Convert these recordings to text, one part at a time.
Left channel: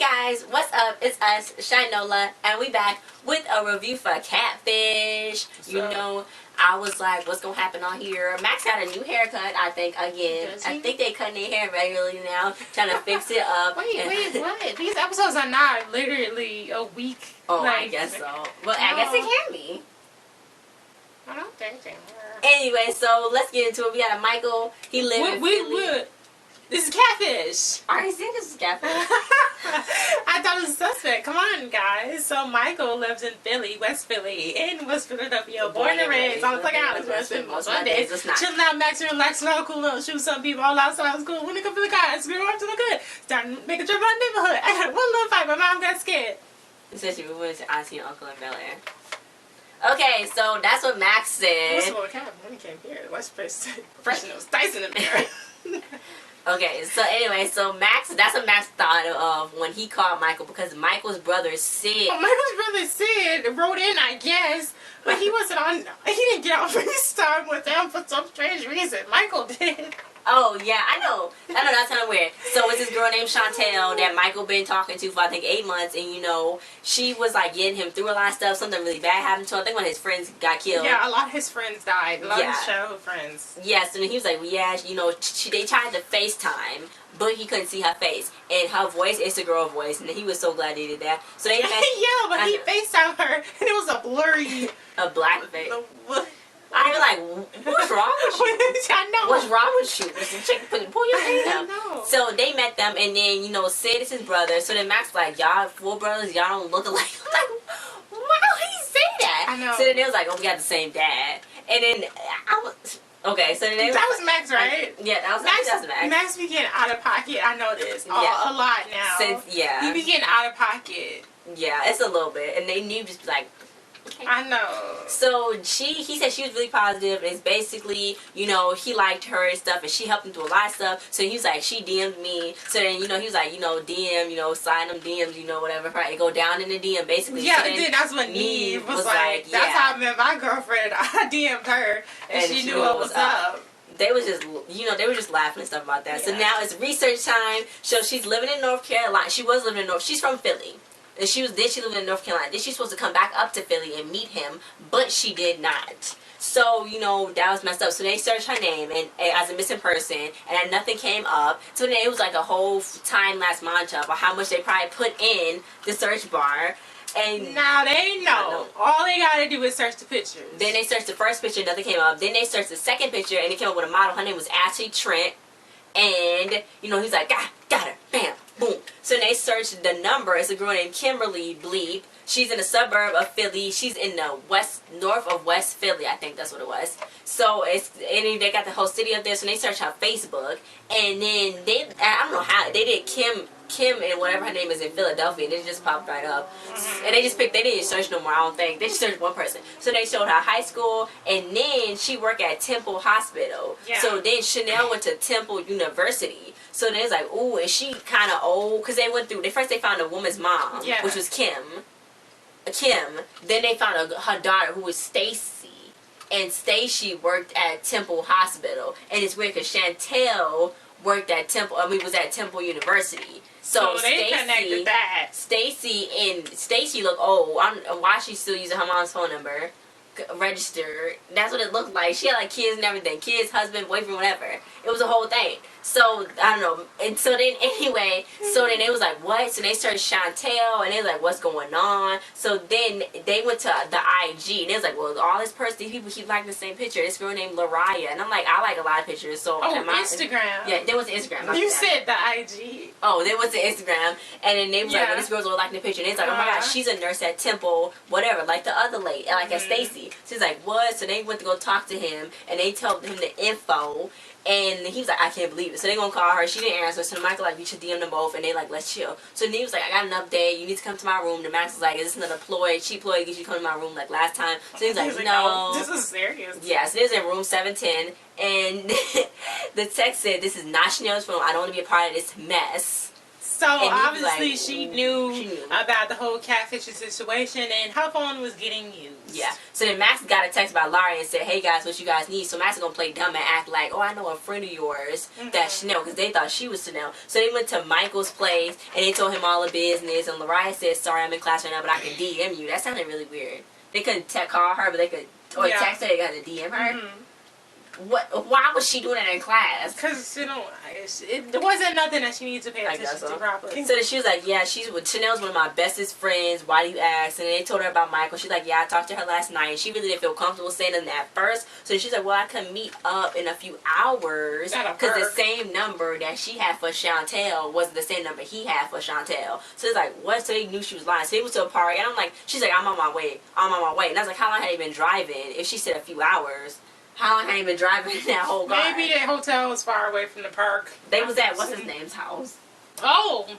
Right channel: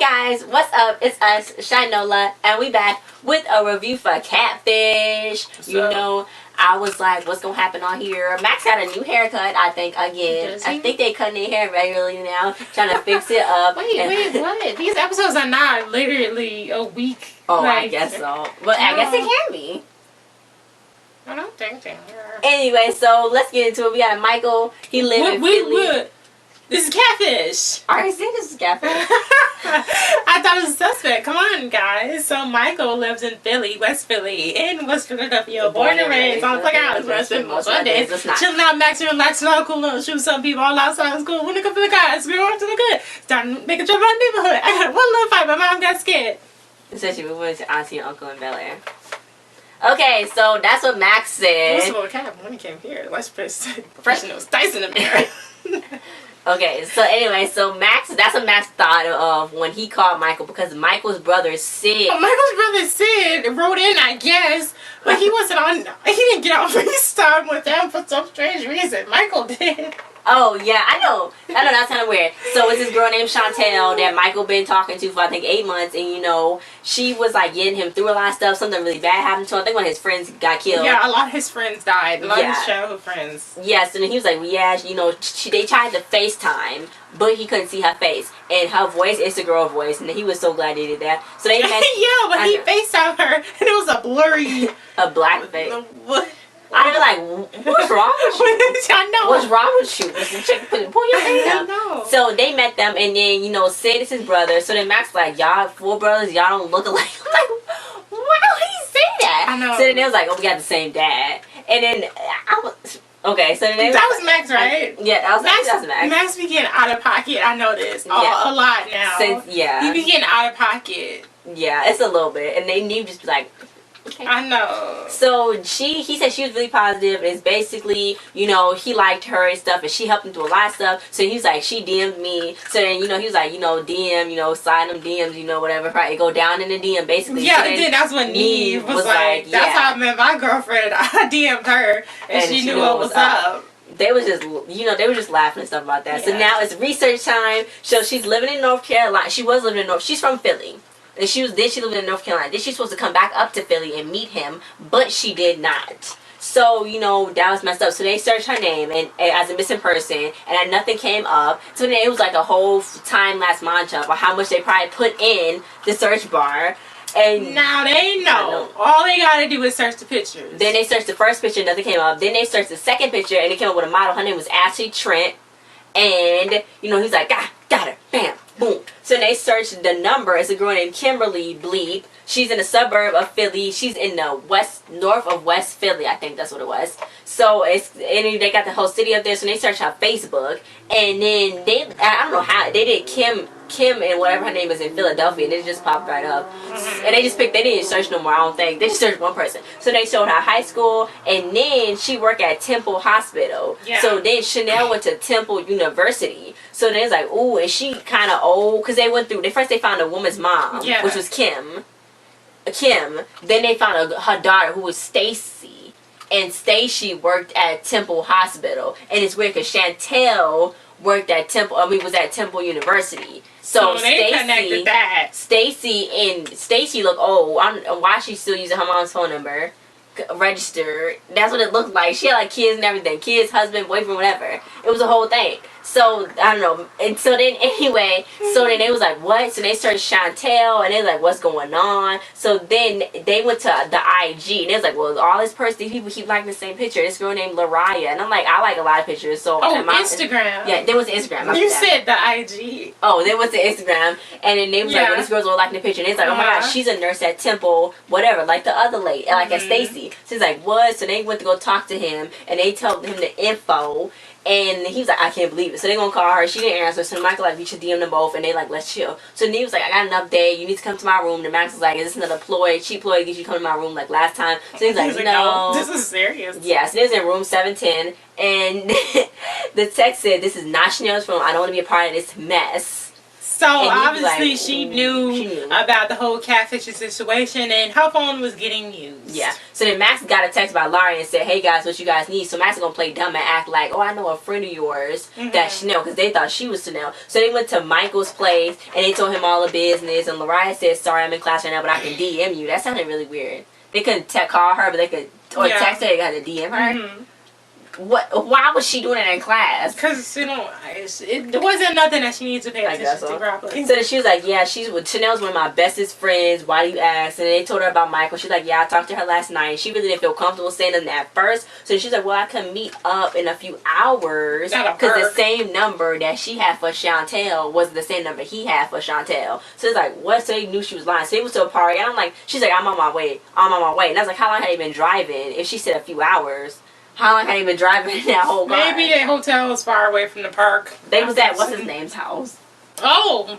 guys, what's up? It's us, Chi-Nola, and we back with a review for Catfish. I was like, what's gonna happen on here? Max got a new haircut, I think, again. I think they cutting their hair regularly now, trying to fix it up. Wait, what? These episodes are not literally a week. Oh, I guess so. But I guess it can be. I don't think they are. Anyway, so let's get into it. We got a Michael. He lives in Philly. This is Catfish. I think this is Catfish. I thought it was a suspect. Come on, guys. So Michael lives in Philly, West Philly, in West Philadelphia. Born and raised on Playground, West Philly, most Sundays. Chilling out, maxing, relaxing, all cool, shoot some people all outside of school. When they come for the guys, we on to the good. Starting making trip around the neighborhood. I got one little fight. My mom got scared. Especially we went to auntie and uncle in Bel Air. Okay, so that's what Max said. What's what happened when he came here? The West professionals, Tyson in there. Okay, so anyway, that's what Max thought of when he called Michael, because Michael's brother Sid. Oh, Michael's brother Sid wrote in, I guess, but he wasn't on. He didn't get on FaceTime with them for some strange reason. Michael did. Oh yeah, I know that's kind of weird. So it's this girl named Chantel that Michael been talking to for I think 8 months, and she was like getting him through a lot of stuff. Something really bad happened to him. I think one of his friends got killed. Yeah, a lot of his friends died. A lot of his childhood friends. Yes, and he was like, well, yeah, they tried to FaceTime, but he couldn't see her face, and her voice is a girl voice, and he was so glad they did that. So they met. Yeah, but he FaceTimed her, and it was a blurry, black face. What? I'd be like, what's wrong with you? I know. What's wrong with you? Pull your face up. I know. So they met them, and then, Sid is his brother. So then Max like, y'all 4 brothers, y'all don't look alike. I'm like, why would he say that? I know. So then they was like, oh, we got the same dad. And then I was, okay, so then they that was Max, right? Yeah, that was Max. Max be getting out of pocket, I know this, a lot now. He be getting out of pocket. Yeah, it's a little bit. And they need to just be like, okay. I know. So he said she was really positive. It's basically, he liked her and stuff, and she helped him through a lot of stuff. So he was like, she DM'd me. So then, he was like, DM, slide them DMs, whatever. Right? Go down in the DM, basically. Yeah, so then that's when Nev was like, that's how I met my girlfriend. I DM'd her, and she knew what was up. They was just, they were just laughing and stuff about that. Yeah. So now it's research time. So she's living in North Carolina. She's from Philly. And she lived in North Carolina. Then she's supposed to come back up to Philly and meet him, but she did not. So, that was messed up. So they searched her name and as a missing person, and nothing came up. So then it was like a whole time-lapse montage of how much they probably put in the search bar. And now they know. All they gotta do is search the pictures. Then they searched the first picture, nothing came up. Then they searched the second picture, and it came up with a model. Her name was Ashley Trent. And, he's like, got her. Bam. Boom. So they searched the number. It's a girl named Kimberly Bleep. She's in a suburb of Philly. She's in the north of West Philly. I think that's what it was. So they got the whole city up there. So they searched her Facebook. And then I don't know how, they did Kim and whatever her name is in Philadelphia, and it just popped right up. And they didn't search no more, I don't think. They just searched one person. So they showed her high school, and then she worked at Temple Hospital. Yeah. So then Chenille went to Temple University. So then it's like, ooh, is she kind of old? Because they found a woman's mom, which was Kim. Then they found her daughter, who was Stacy. And Stacy worked at Temple Hospital. And it's weird because Chantel was at Temple University. So they connected that. Stacy looked old. I don't know why she's still using her mom's phone number. Registered. That's what it looked like. She had like kids and everything. Kids, husband, boyfriend, whatever. It was a whole thing. So, I don't know. And so then, anyway, they was like, what? So they searched Chantel, and they was like, what's going on? So then they went to the IG, and they was like, well, all these people keep liking the same picture. This girl named Lariah. And I'm like, I like a lot of pictures. So Instagram. Yeah, there was Instagram. You said the IG. Oh, they went to Instagram, and then they was like, well, this girl's all liking the picture. And they was like, oh my gosh, she's a nurse at Temple, whatever, like the other lady, like at Stacy. So he's like, what? So they went to go talk to him, and they told him the info. And he was like, I can't believe it. So they gonna call her. She didn't answer. So Michael like, you should DM them both. And they like, let's chill. So Nev was like, I got an update. You need to come to my room. The Max was like, is this another cheap ploy to get you to come to my room like last time? So he's like, no. This is serious. Yeah, so this is in room 710. And the text said, this is not Chanel's room. I don't want to be a part of this mess. So obviously she knew about the whole catfishing situation, and her phone was getting used. Yeah. So then Max got a text by Larry and said, "Hey guys, what you guys need?" So Max is gonna play dumb and act like, "Oh, I know a friend of yours that's Chenille," because they thought she was Chenille. So they went to Michael's place and they told him all the business. And Lariah said, "Sorry, I'm in class right now, but I can DM you." That sounded really weird. They couldn't call her, but they could text her. They got to DM her. What? Why was she doing it in class? Because it wasn't nothing that she needed to pay attention to properly. So then she was like, "Yeah, Chanel's one of my bestest friends. Why do you ask?" And they told her about Michael. She's like, "Yeah, I talked to her last night. She really didn't feel comfortable saying nothing at first." So she's like, "Well, I can meet up in a few hours because the same number that she had for Chantel was the same number he had for Chantel." So it's like, what? So they knew she was lying. So they went to a party, and I'm like, she's like, "I'm on my way. I'm on my way." And I was like, "How long had you been driving?" If she said a few hours. How long had he been driving in that whole car? Maybe that hotel was far away from the park. They was at what's his name's house. Oh.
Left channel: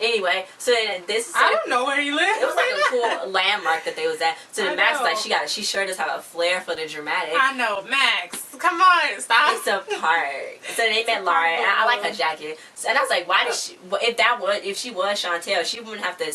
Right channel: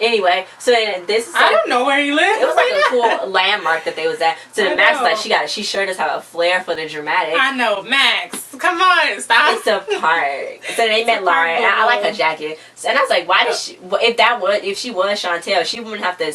Anyway, so then this is I don't know where he lived. It was like a cool landmark that they was at. So then Max was like, she sure does have a flair for the dramatic. I know, Max. Come on, stop. It's a park. So they met Lauren, and I like her jacket. So, and I was like, why did she? If she was Chantel, she wouldn't have to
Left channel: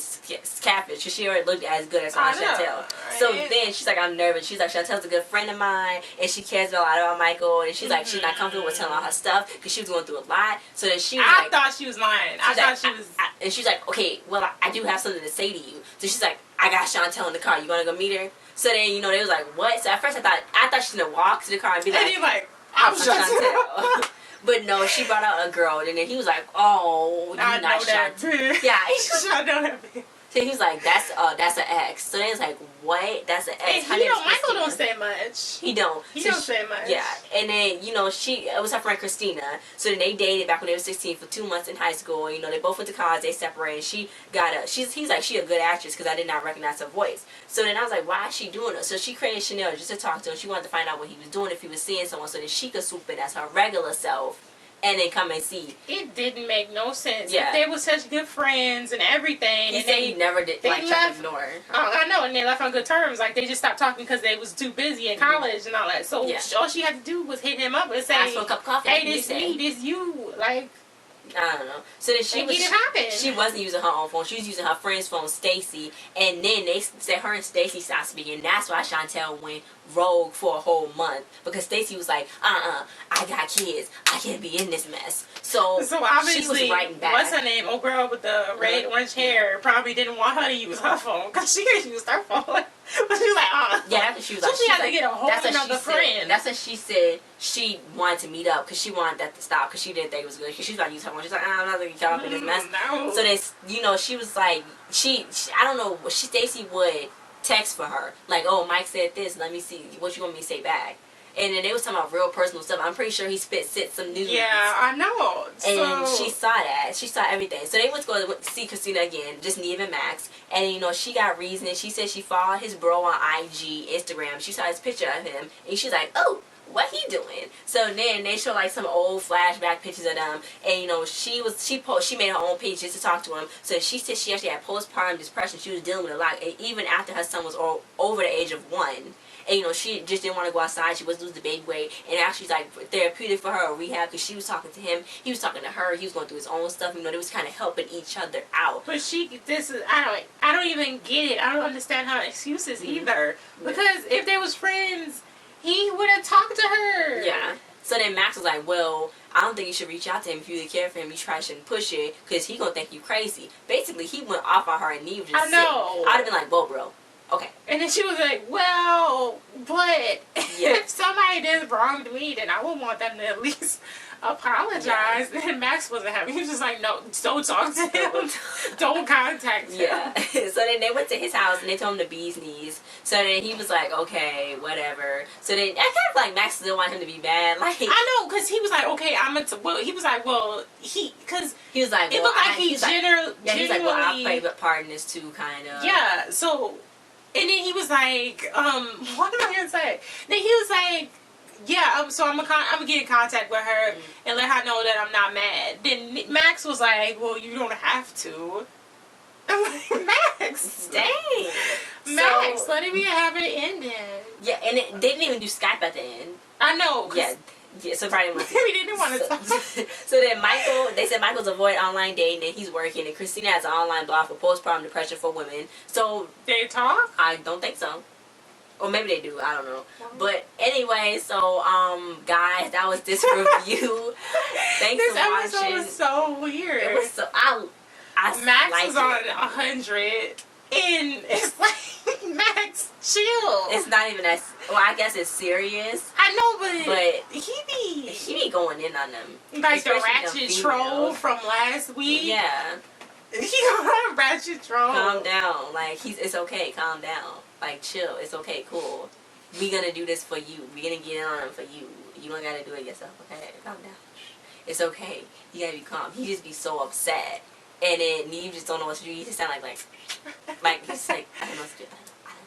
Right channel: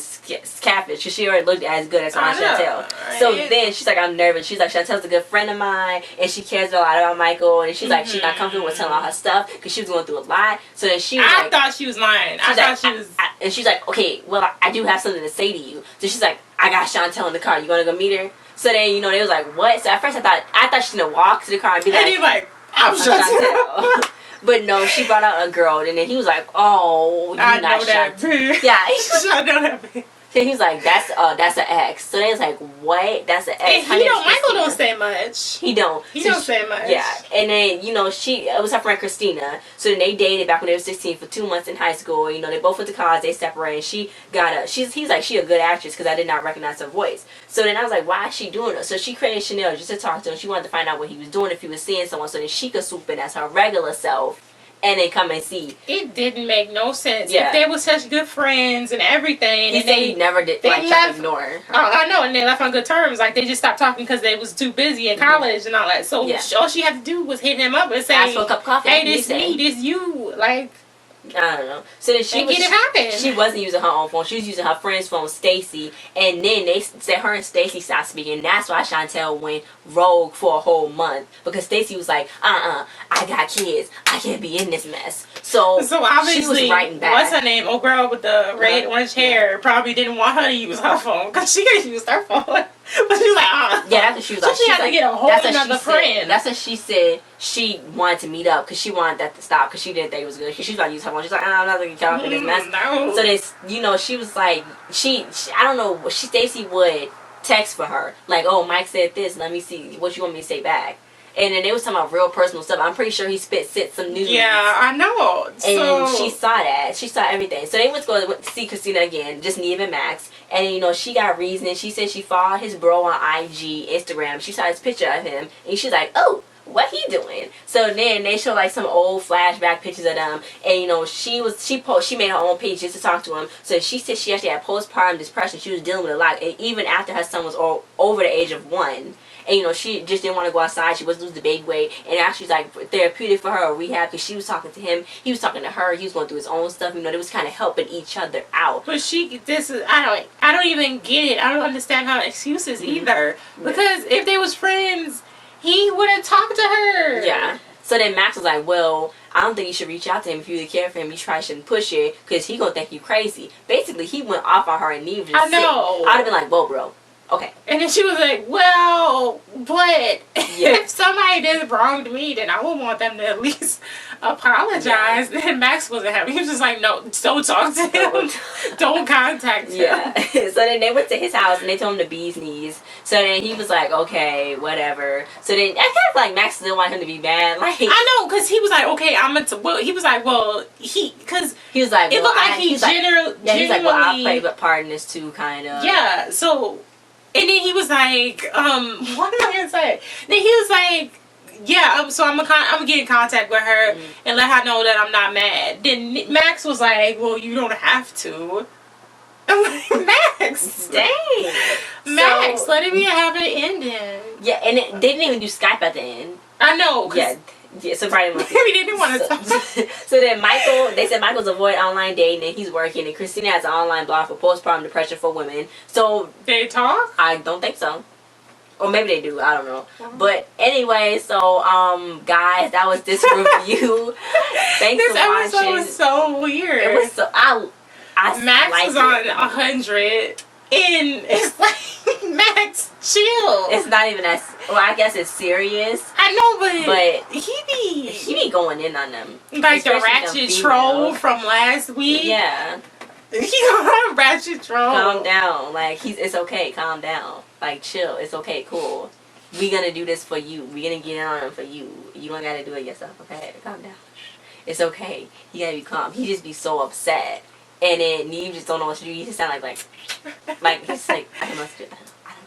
catfish because she already looked as good as Chantel. Right? So then she's like, I'm nervous. She's like, Chantel's a good friend of mine, and she cares a lot about Michael. And she's like, she's not comfortable with telling all her stuff because she was going through a lot. So then she was I thought she was lying. I thought she was. And she's like, okay, well, I do have something to say to you. So she's like, I got Chantel in the car. You want to go meet her? So then, they was like, what? So at first I thought she was going to walk to the car and be like, and he's like, I'm Chantel. But no, she brought out a girl. And then he was like, oh, you're I not know that Chantel. Yeah. I know that bitch. So he was like, that's an ex. So they was like, what? That's an ex. And Michael don't say much. He don't. He don't say much. Yeah. And then, it was her friend Christina. So then they dated back when they were 16 for 2 months in high school. They both went to college. They separated. He's like, she a good actress because I did not recognize her voice. So then I was like, why is she doing it? So she created Chenille just to talk to him. She wanted to find out what he was doing, if he was seeing someone, so that she could swoop in as her regular self. And then come and see. It didn't make no sense. Yeah. If they were such good friends and everything. He said he never did. Try to ignore her. I know, and they left on good terms. Like, they just stopped talking because they was too busy in college and all that. So all she had to do was hit him up and say, ask for a cup of coffee. Hey, this me, this you. Like, I don't know. So then she wasn't using her own phone. She was using her friend's phone, Stacy. And then they said her and Stacy stopped speaking. That's why Chantel went rogue for a whole month. Because Stacy was like, I got kids. I can't be in this mess. So obviously, she was writing back. What's her name? Old girl with the red orange hair probably didn't want her to use her phone. Because she could use her phone. But she was like, Yeah, that's what she was like. So she had to get a whole another friend. That's what she said. She wanted to meet up because she wanted that to stop because she didn't think it was good. She was about to use her phone. She's like, I'm not going to get caught up in this mess. No. So they, she was like, I don't know, Stacy would text for her. Like, oh, Mike said this. Let me see what you want me to say back. And then they was talking about real personal stuff. I'm pretty sure he sent some news. Yeah, I know. And she saw that. She saw everything. So they went to go see Christina again, just Nev and Max. And, she got reasoning. She said she followed his bro on IG, Instagram. She saw his picture of him. And she's like, oh, what he doing? So then they show like some old flashback pictures of them. And, she made her own page just to talk to him. So she said she actually had postpartum depression. She was dealing with a lot. And even after her son was over the age of 1. And, she just didn't want to go outside. She was losing the baby weight. And actually, like, therapeutic for her or rehab because she was talking to him. He was talking to her. He was going through his own stuff. They was kind of helping each other out. But I don't even get it. I don't understand her excuses either. Because if they was friends, he would have talked to her. Yeah. So then Max was like, well, I don't think you should reach out to him. If you really care for him, you probably shouldn't push it because he going to think you crazy. Basically, he went off on her and Neve just I know. I'd have been like, whoa, bro. Okay. And then she was like, well, but if somebody did wrong to me, then I would want them to at least apologize. Yeah. Then Max wasn't happy. He was just like, no, don't talk to him. Don't contact him. Yeah. So then they went to his house and they told him the bee's knees. So then he was like, okay, whatever. So then I kind of feel like Max still wanted him to be bad. Like, I know, because he was like, okay, he was like, well, because he was like, it looked like he genuinely. Yeah, he's like, well, I'll play part in this too, kind of. Yeah, so. And then he was like, what am I going to say? Then he was like, yeah, so I'm gonna get in contact with her and let her know that I'm not mad. Then Max was like, well, you don't have to. I'm like, Max. Dang. Max, let it be a happy ending. Yeah, and they didn't even do Skype at the end. I know. Yeah, Yeah, so Friday must be. Maybe they didn't want to talk. So then they said Michael's avoid online dating and he's working, and Christina has an online blog for postpartum depression for women. So they talk? I don't think so. Or maybe they do, I don't know. But anyway, so guys, that was this review. Thanks for watching. This episode was so weird. It was so I Max liked was on it. 100 and it's like Max chill. It's not even as well, I guess it's serious. I know, but he be going in on them. Like the ratchet troll from last week. Yeah. He got a ratchet troll. Calm down. Like it's okay, calm down. Like chill, it's okay, cool. We gonna do this for you. We gonna get on for you. You don't gotta do it yourself, okay? Calm down. It's okay. You gotta be calm. He just be so upset. And then you just don't know what to do. You just sound like he's like, I don't know what to do. I don't know.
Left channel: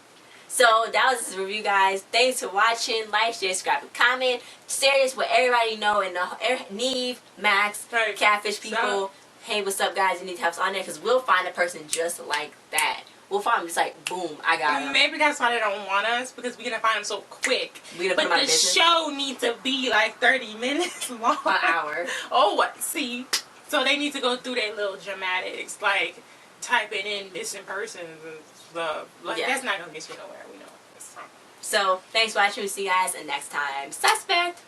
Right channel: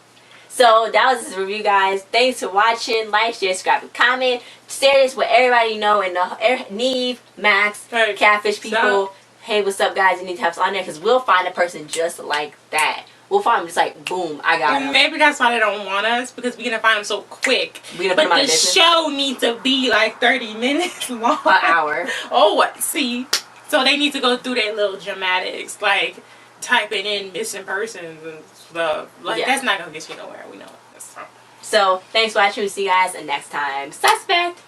So that was this review, guys. Thanks for watching. Like, share, subscribe, and comment. Share this with everybody you know in the Nev, Max, Catfish people. Hey, what's up, guys? You need to have us on there because we'll find a person just like that. We'll find them just like, boom, I got him. Maybe that's why they don't want us, because we're going to find them so quick. But the show needs to be like 30 minutes long. An hour. Oh, see? So they need to go through their little dramatics, like typing in missing persons and stuff. Like, that's not going to get you nowhere. We know that's wrong. So, thanks for watching. We'll see you guys next time. Suspect!